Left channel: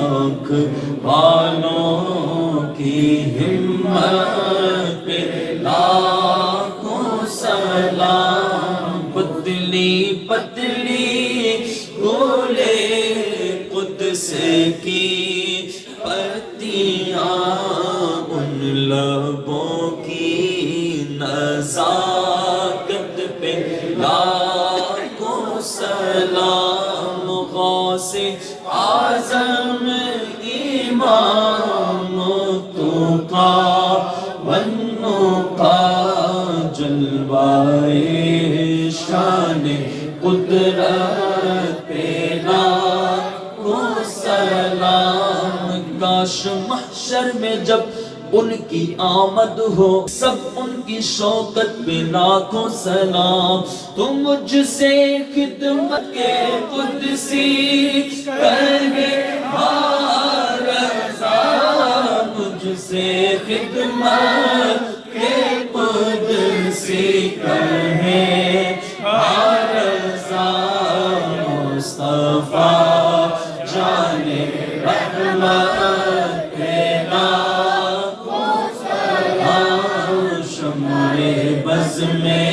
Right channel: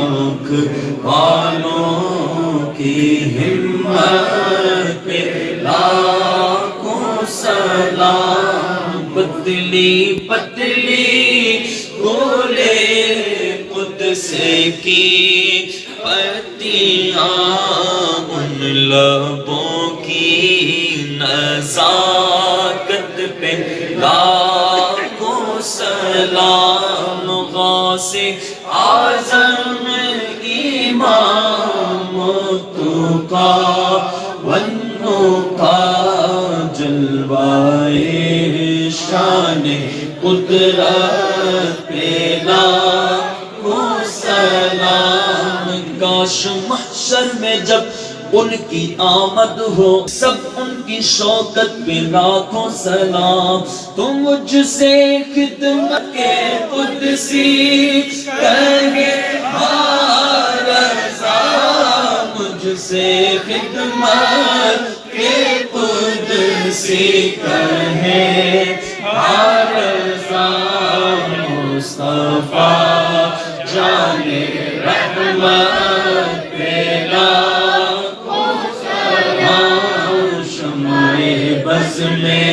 لاکھ والوں کی ہمت پہ لاکھوں سلام۔ پتلی پتلی بولے قدس کی پتیاں، ان لبوں کی نزاکت پہ لاکھوں سلام۔ غوث اعظم امام تو کا بنو کا جلوائے شان قدرت پہ لاکھوں سلام۔ کاش محشر میں جب ان کی آمد ہو، سب ان کی شوکت پہ لاکھوں سلام۔ تو مجھ سے خدمت کے قدسی کہے رضا، مجھ سے خدمت کے قدسی کہے رضا۔ مصطفیٰ جان رحمت پہ لاکھوں سلام۔ شمع بز میں